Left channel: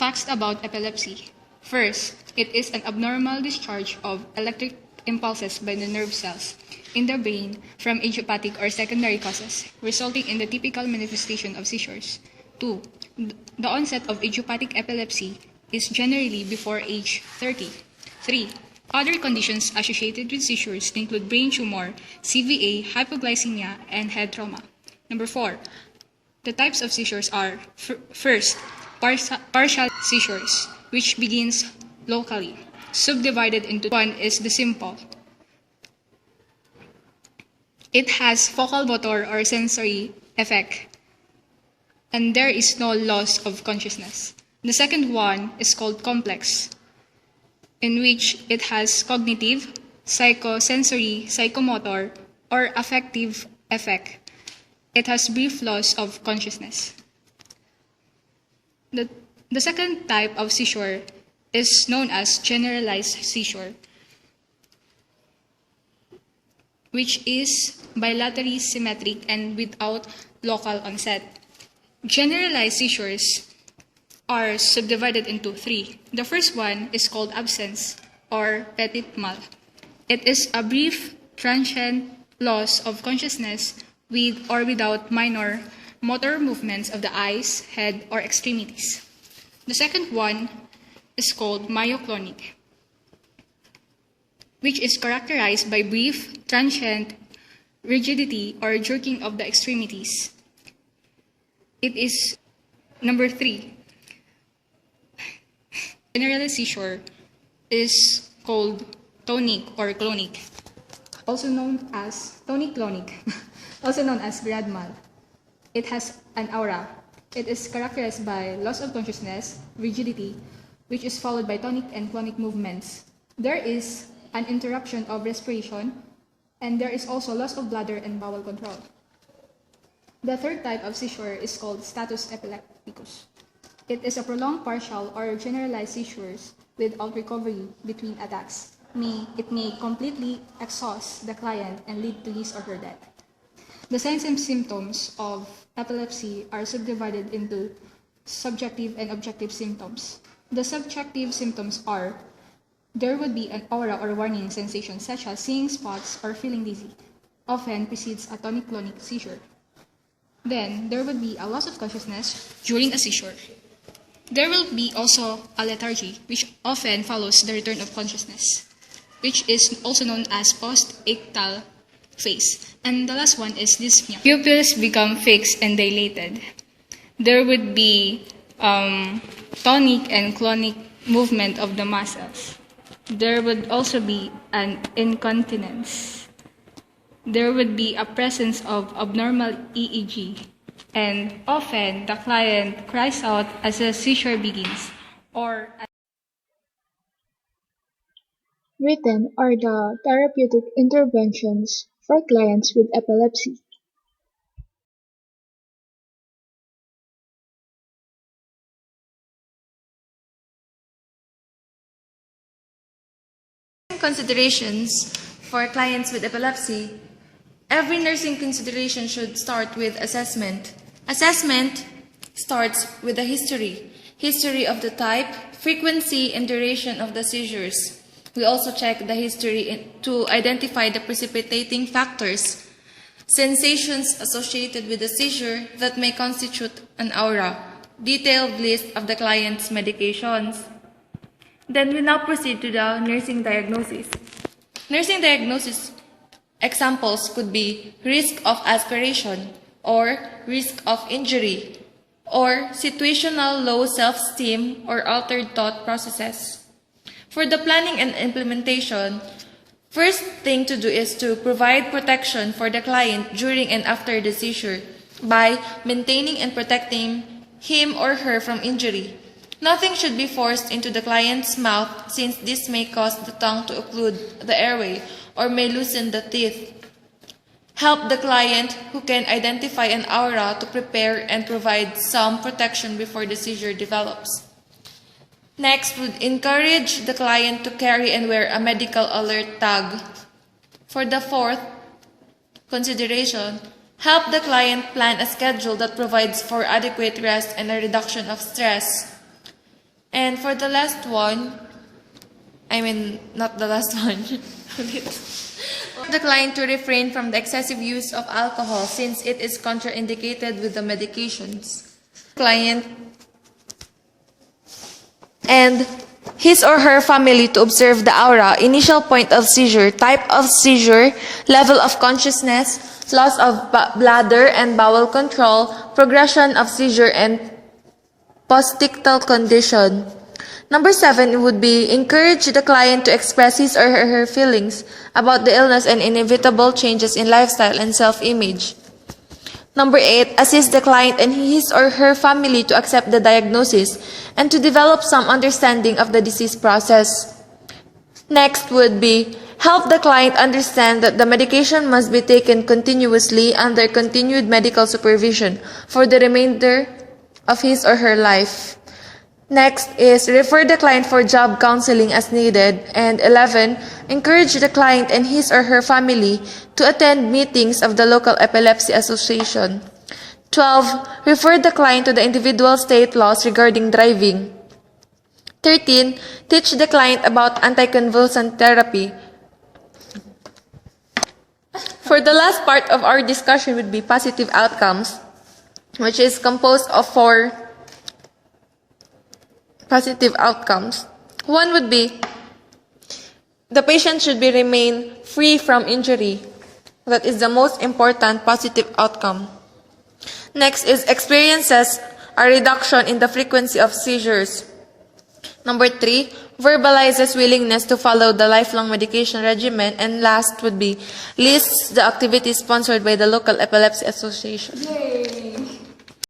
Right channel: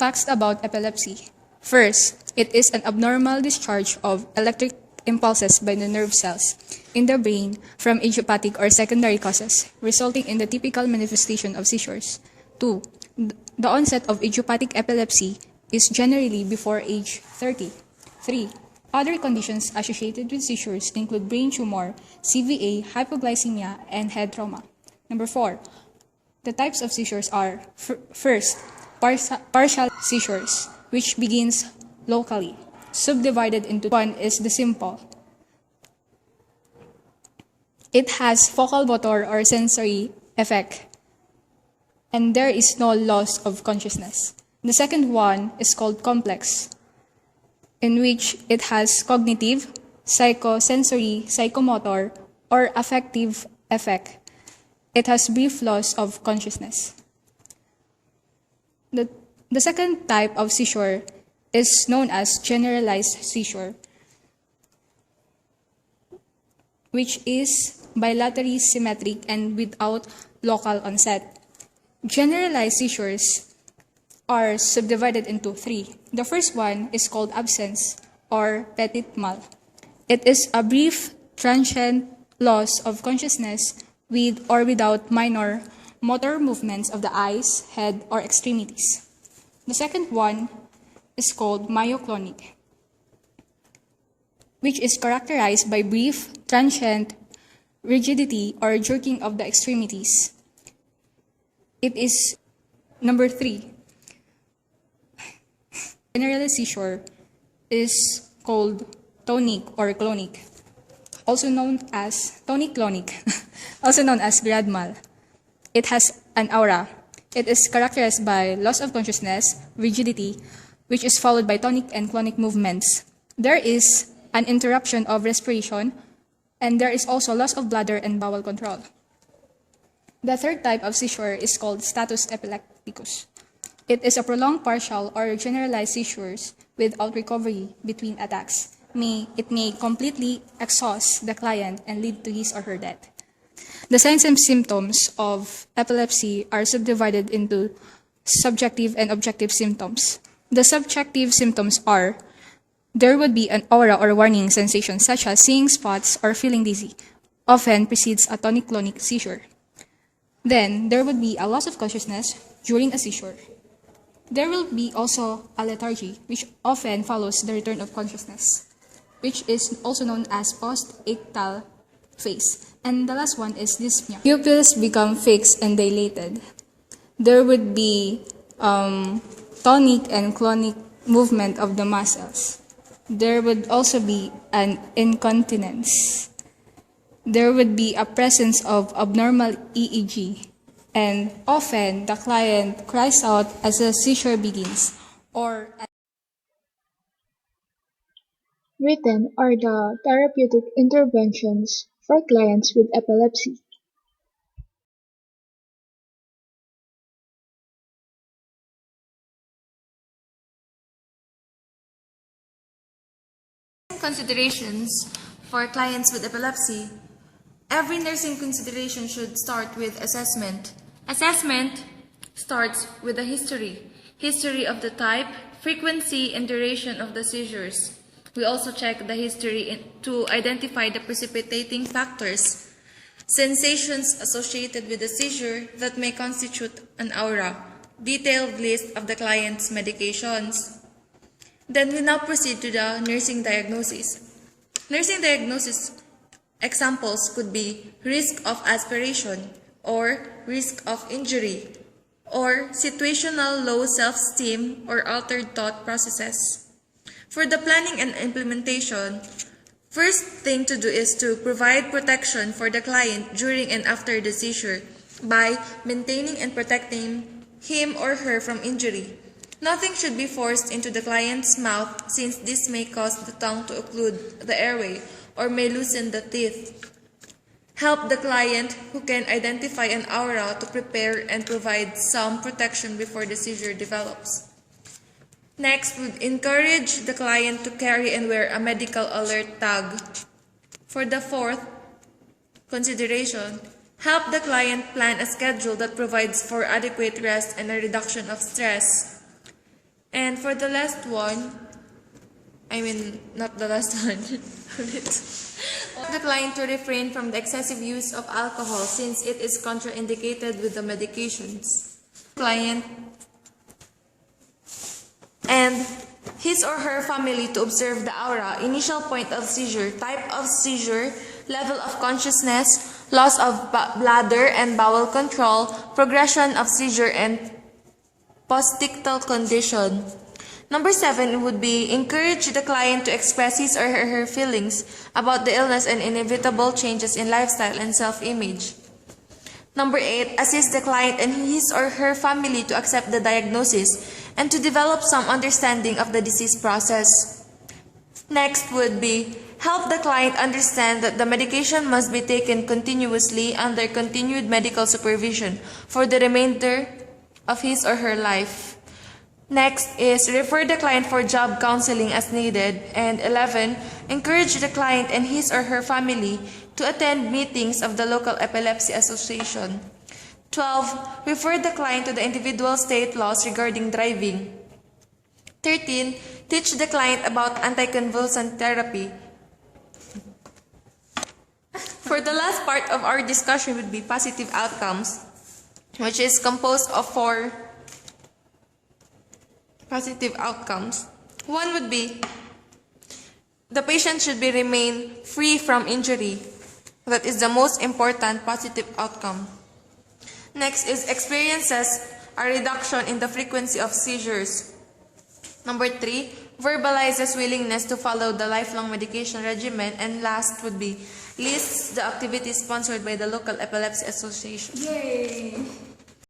Facts about epilepsy. First, it is an abnormal discharge of electric impulses by the nerve cells in the brain from idiopathic or secondary causes, resulting in the typical manifestation of seizures. 2. The onset of idiopathic epilepsy is generally before age 30. 3. Other conditions associated with seizures include brain tumor, CVA, hypoglycemia, and head trauma. Number 4. The types of seizures are, first, partial seizures, which begins locally. Subdivided into one is the simple. It has focal motor or sensory effect, and there is no loss of consciousness. The second one is called complex, in which it has cognitive, psychosensory, psychomotor, or affective effect. It has brief loss of consciousness. The second type of seizure is known as generalized seizure, which is bilaterally symmetric and without local onset. Generalized seizures are subdivided into 3. The first one is called absence or petit mal. It is a brief, transient loss of consciousness with or without minor motor movements of the eyes, head, or extremities. The second one is called myoclonic, which is characterized by brief, transient rigidity or jerking of the extremities. It is number 3. Generalized seizure is called tonic or clonic, also known as tonic-clonic, also known as grand mal. It has an aura. It is characterized by loss of consciousness, rigidity, which is followed by tonic and clonic movements. There is an interruption of respiration, and there is also loss of bladder and bowel control. The third type of seizure is called status epilepticus. It is a prolonged partial or generalized seizures without recovery between attacks. It may completely exhaust the client and lead to his or her death. The signs and symptoms of epilepsy are subdivided into subjective and objective symptoms. The subjective symptoms are there would be an aura or warning sensation such as seeing spots or feeling dizzy, often precedes a tonic-clonic seizure. Then there would be a loss of consciousness during a seizure. There will be also a lethargy, which often follows the return of consciousness, which is also known as post-ictal phase. And the last one is dyspnea. Pupils become fixed and dilated. There would be tonic and clonic movement of the muscles. There would also be an incontinence. There would be a presence of abnormal EEG. And often, the client cries out as a seizure begins, or Written are the therapeutic interventions for clients with epilepsy. Considerations for clients with epilepsy. Every nursing consideration should start with assessment. Assessment starts with a history of the type, frequency, and duration of the seizures. We also check the history to identify the precipitating factors, sensations associated with the seizure that may constitute an aura, detailed list of the client's medications. Then we now proceed to the nursing diagnosis. Nursing diagnosis examples could be risk of aspiration or risk of injury or situational low self-esteem or altered thought processes. For the planning and implementation, first thing to do is to provide protection for the client during and after the seizure by maintaining and protecting him or her from injury. Nothing should be forced into the client's mouth since this may cause the tongue to occlude the airway or may loosen the teeth. Help the client who can identify an aura to prepare and provide some protection before the seizure develops. Next, would encourage the client to carry and wear a medical alert tag. For the fourth consideration, help the client plan a schedule that provides for adequate rest and a reduction of stress. And for the last one, not the last one, the client to refrain from the excessive use of alcohol since it is contraindicated with the medications. Client and his or her family to observe the aura, initial point of seizure, type of seizure, level of consciousness, loss of bladder and bowel control, progression of seizure, and postictal condition. Number 7 would be encourage the client to express his or her feelings about the illness and inevitable changes in lifestyle and self-image. Number 8, assist the client and his or her family to accept the diagnosis and to develop some understanding of the disease process. Next would be help the client understand that the medication must be taken continuously under continued medical supervision for the remainder of his or her life. Next is refer the client for job counseling as needed. And 11, encourage the client and his or her family to attend meetings of the local epilepsy association. 12, refer the client to the individual state laws regarding driving. 13, teach the client about anticonvulsant therapy. For the last part of our discussion would be positive outcomes, which is composed of 4 positive outcomes. One would be the patient should remain free from injury. That is the most important positive outcome. Next is experiences a reduction in the frequency of seizures. Number 3, verbalizes willingness to follow the lifelong medication regimen. And last would be lists the activities sponsored by the local epilepsy association. Yay!